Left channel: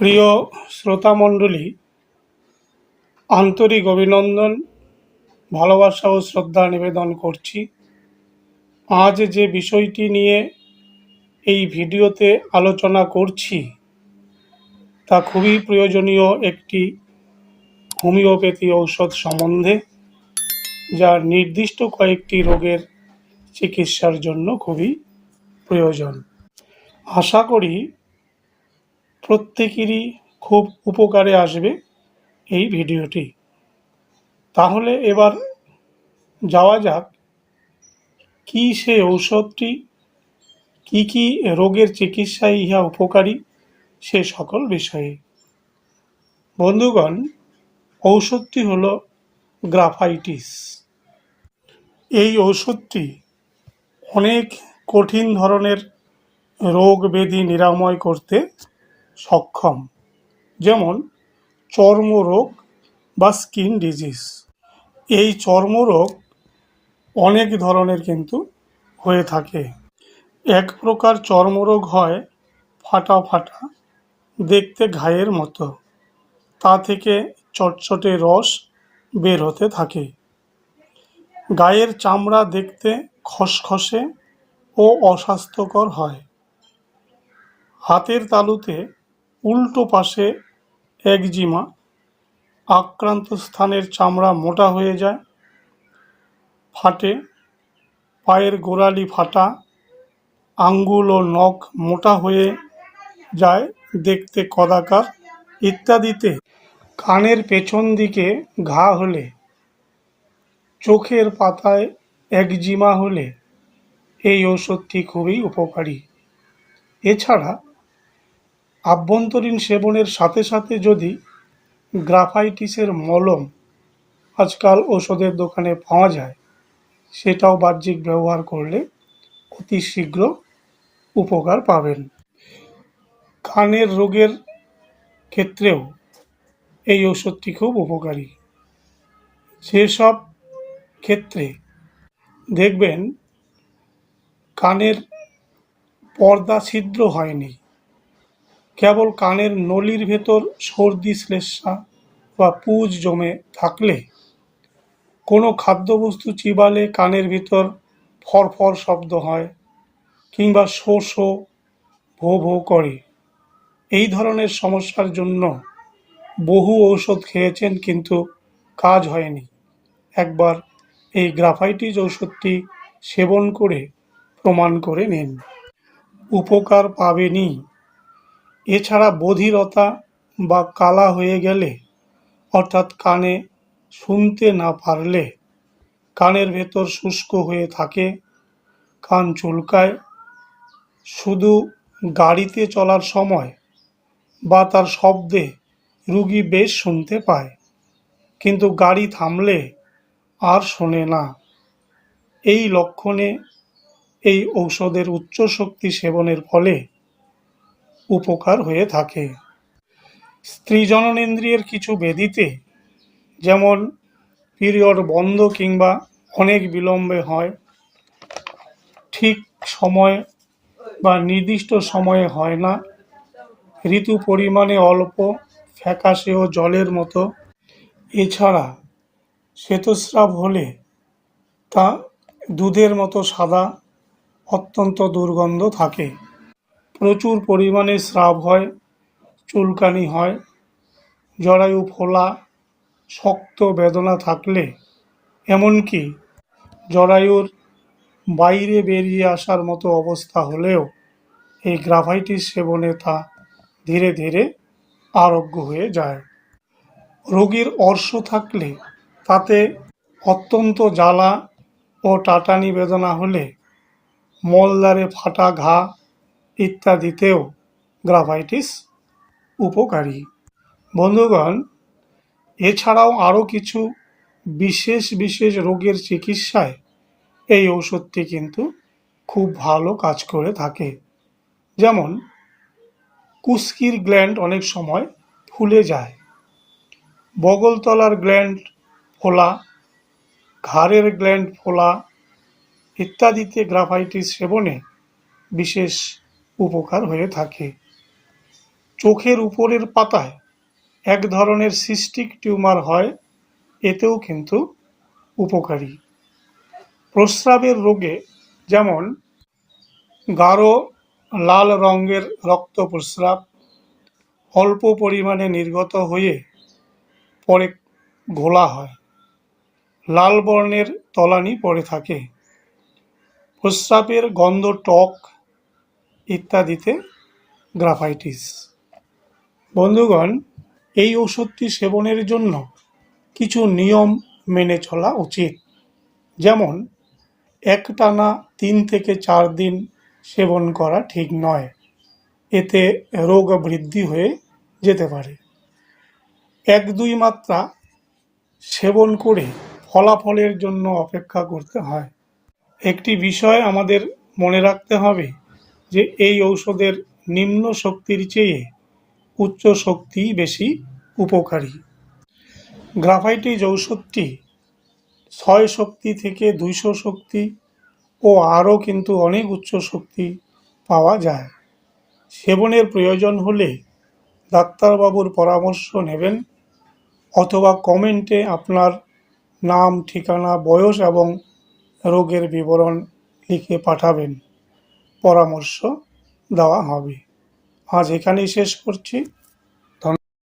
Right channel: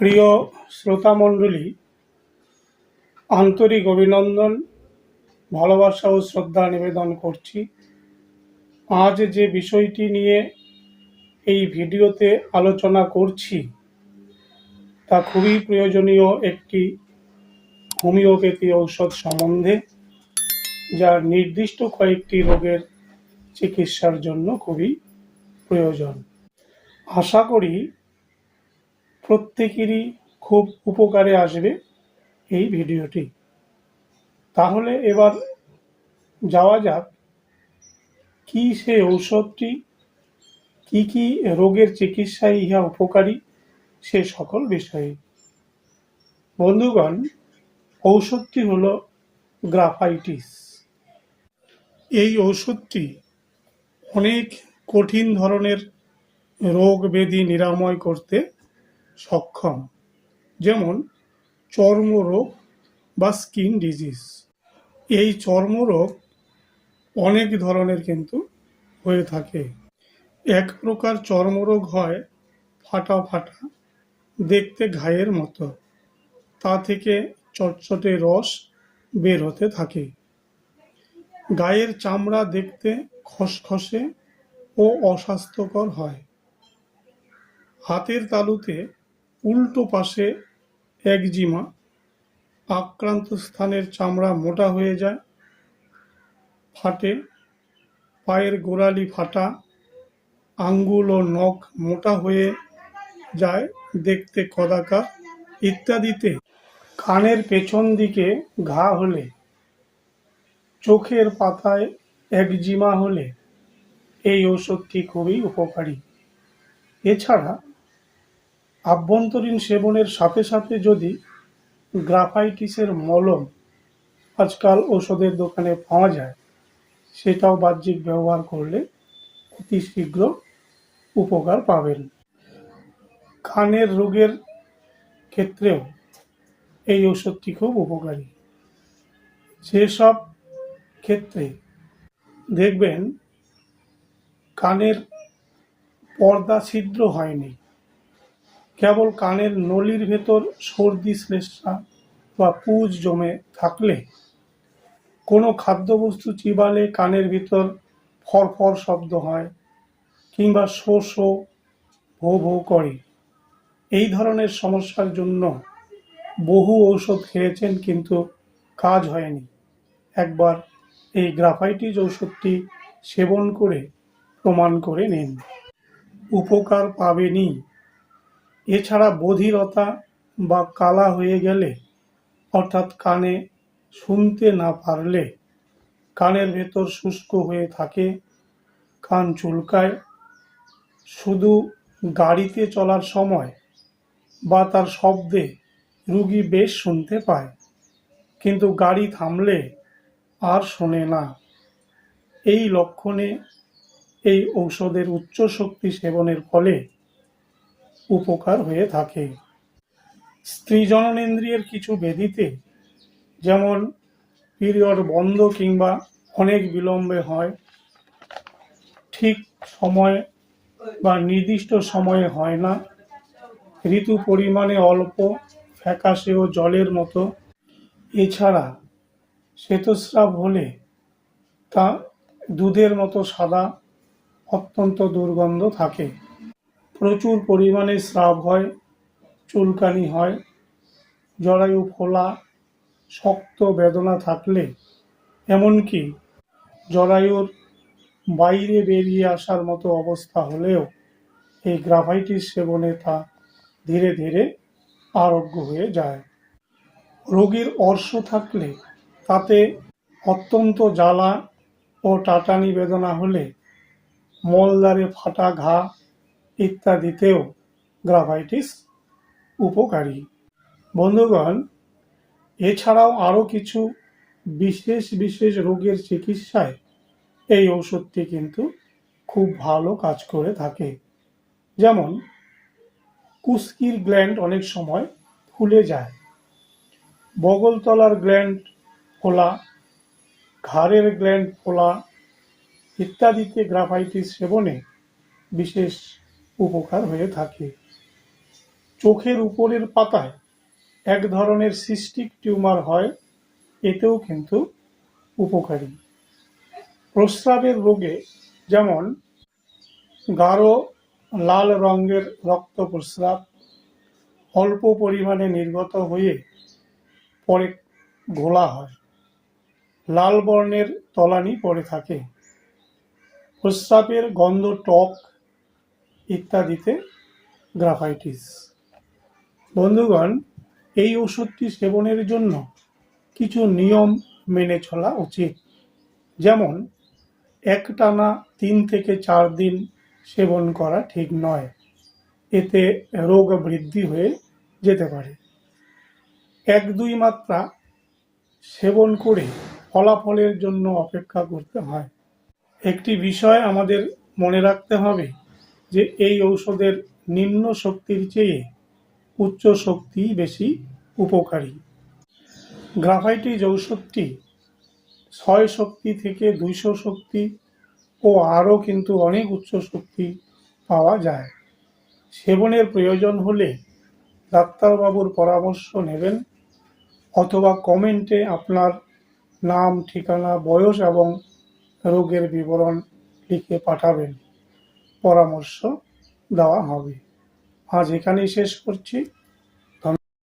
প্রিয় শ্রোতামণ্ডলী আন্তরিক অভিনন্দন, ভালোবাসা ও শ্রদ্ধা নিবেদন করছি। আজ যে বিষয়টি নিয়ে এই ভিডিওতে আলোচনা করছি, তা খুবই প্রয়োজনীয় একটি হোমিওপ্যাথি ঔষধ সম্বন্ধে, যা নির্দিষ্ট কয়েকটি রোগের চিকিৎসার জন্য খুবই প্রয়োজন। আশা করি প্রত্যেকেরই খুব উপকারে আসবে এই ভিডিওটি। তাহলে এবার যাওয়া যাক, কি সে ঔষধটি, কি কি রোগের চিকিৎসায় ইহা উপকারী সে সকল বিষয়ে। বন্ধুগণ, ঔষধটি হল গ্রাফাইটিস। এই ঔষধটি অনেক কঠিন ধরনের রোগ ব্যাধি নিরাময় করতে সক্ষম, যেমন চর্মরোগ বা স্কিন ডিজিজ। এই চর্মরোগ অনেক ধরনের কিন্তু হয়ে থাকে। এক প্রকার চর্মরোগ হয় ফাটা ফাটা, দেখতে ঘায়ের মতো। তা থেকে চটচটে রস বের হতে থাকে। গায়ের চামড়া দেখতে খসখসে ও অস্বাস্থ্যকর হয়। হাতের তালুতে উল্টো পাশে একজিমা আক্রান্ত স্থানের চামড়া মোটা হয়ে যায়। ফাটে, পায়ের গোড়ালি ফাটা, আঙ্গুল ও নখ মোটা হয়ে যায় দেখতে কদাকার ইত্যাদিতে। কানের পেছন দিকে ঘা হলে, চোখের পাতায় একজিমা হলে এই ওষুধটি খুবই উপকারী। এছাড়া আভ্যন্তরীণ সেবনের সাথে সাথে যদি গ্রাফাইটিসের মলম আজকাল ওষুধের দোকানে পাওয়া যায়, সেটাও বাহ্যিক ব্যবহার করলে অতি শীঘ্র উপকার পাবেন। কানের রোগের ক্ষেত্রেও এই ওষুধটি খুব উপকারী। সেসব ক্ষেত্রে দেখবেন কানের পর্দা ছিদ্র হয়নি। কেবল কানের নলির ভেতর সর্দি শ্লেষ্মা বা পুজ জমে থাকলে কোনো খাদ্যবস্তু চিবালে কানের ভিতর ফরফর শব্দ হয় কিংবা শো শো ভো ভো করে। এই ধরনের সমস্যার জন্য বহু ঔষধ খেয়েছেন কিন্তু কাজ হয়নি। একবার এই গ্রাফাইটিস ঔষধটি সেবন করে প্রমাণ করে নিন। উপকার পাবেনই এছাড়া বধিরতা বা কালা হয়ে গেলে, অর্থাৎ কানে শুনতে না পারলে, কানের ভেতর শুষ্ক হয়ে থাকে, কান চুলকায়, শুধু গাড়িতে চলার সময় বা তার শব্দে রুগী বেশ শুনতে পায়, কিন্তু গাড়ি থামলে আর শোনে না। এই লক্ষণে এই ঔষধের উচ্চ শক্তি সেবনের ফলে উপকার হয়ে থাকে। স্ত্রী জননেন্দ্রিয়ের কিছু বেদিতে, যেমন পিরিয়ড বন্ধ কিংবা অনেক বিলম্বে হয়, ঠিক সময়ে বা নির্দিষ্ট সময়ে হয় না। ঋতু পরিমাণে অল্প ফ্যাকাশে ও জলের মতো। এছাড়া শ্বেতস্রাব হলে তা দুধের মতো সাদা, অত্যন্ত দুর্গন্ধ থাকে। প্রচুর পরিমাণে স্রাব হয়, চুলকানি হয়, জরায়ু ফোলা, শক্ত বেদনা থাকলে, এমনকি জরায়ুর বাইরে বেরিয়ে আসার মতো অবস্থা হলেও এই গ্রাফাইটিস সেবনে তা ধীরে ধীরে আরোগ্য হয়ে যায়। রোগীর অর্শ থাকলে তাতে অত্যন্ত জ্বালা ও টাটানি বেদনা হলে মলদ্বারে ফাটা ঘা ইত্যাদিতেও গ্রাফাইটিস উপকারী। বন্ধুগণ, এছাড়াও আরও কিছু বিশেষ বিশেষ রোগের চিকিৎসায় এই ওষুধটি কিন্তু খুব ভালো কাজ করে থাকে। যেমন, কুস্কির গ্ল্যান্ড অনেক সময় ফুলে যায়। বগলতলার গ্ল্যান্ড ফোলা, ঘাড়ের গ্ল্যান্ড ফোলা ইত্যাদিতে গ্রাফাইটিস সেবনে বিশেষ উপকার হয়ে থাকে। চোখের উপরের পাতায় এক ধরনের সিস্টিক টিউমার হয়, এতেও কিন্তু উপকারী। প্রস্রাবের রোগে যেমন গাঢ় লাল রঙের রক্ত প্রস্রাব, অল্প পরিমাণে নির্গত হয়ে পরে ঘোলা হয়, লাল বর্ণের তলানি পড়ে থাকে। প্রস্রাবের গন্ধ টক ইত্যাদিতে গ্রাফাইটিস। বন্ধুগণ, এই ওষুধটি সেবনের জন্য কিছু নিয়ম মেনে চলা উচিত। যেমন, একটানা তিন থেকে চার দিন সেবন করা ঠিক নয়। এতে রোগ বৃদ্ধি হয়ে যেতে পারে। এক দুই মাত্রা সেবন করে ফলাফলের জন্য অপেক্ষা করতে হয়। একটি বিষয় আমাদের মনে রাখতে হবে যে এই ঔষধের নিম্ন শক্তির চেয়ে উচ্চ শক্তি বেশি উপকারী। গ্রাফাইটিস ঔষধটি ছয় শক্তি থেকে দুইশো শক্তি ও আরও কিন্তু অনেক উচ্চ শক্তি পাওয়া যায়। সেবনের প্রয়োজন হলে ডাক্তারবাবুর পরামর্শ নেবেন অথবা কমেন্টে আপনার নাম, ঠিকানা, বয়স এবং রোগের বিবরণ লিখে পাঠাবেন। পরামর্শ দেওয়া হবে। আজ এখানেই শেষ করছি।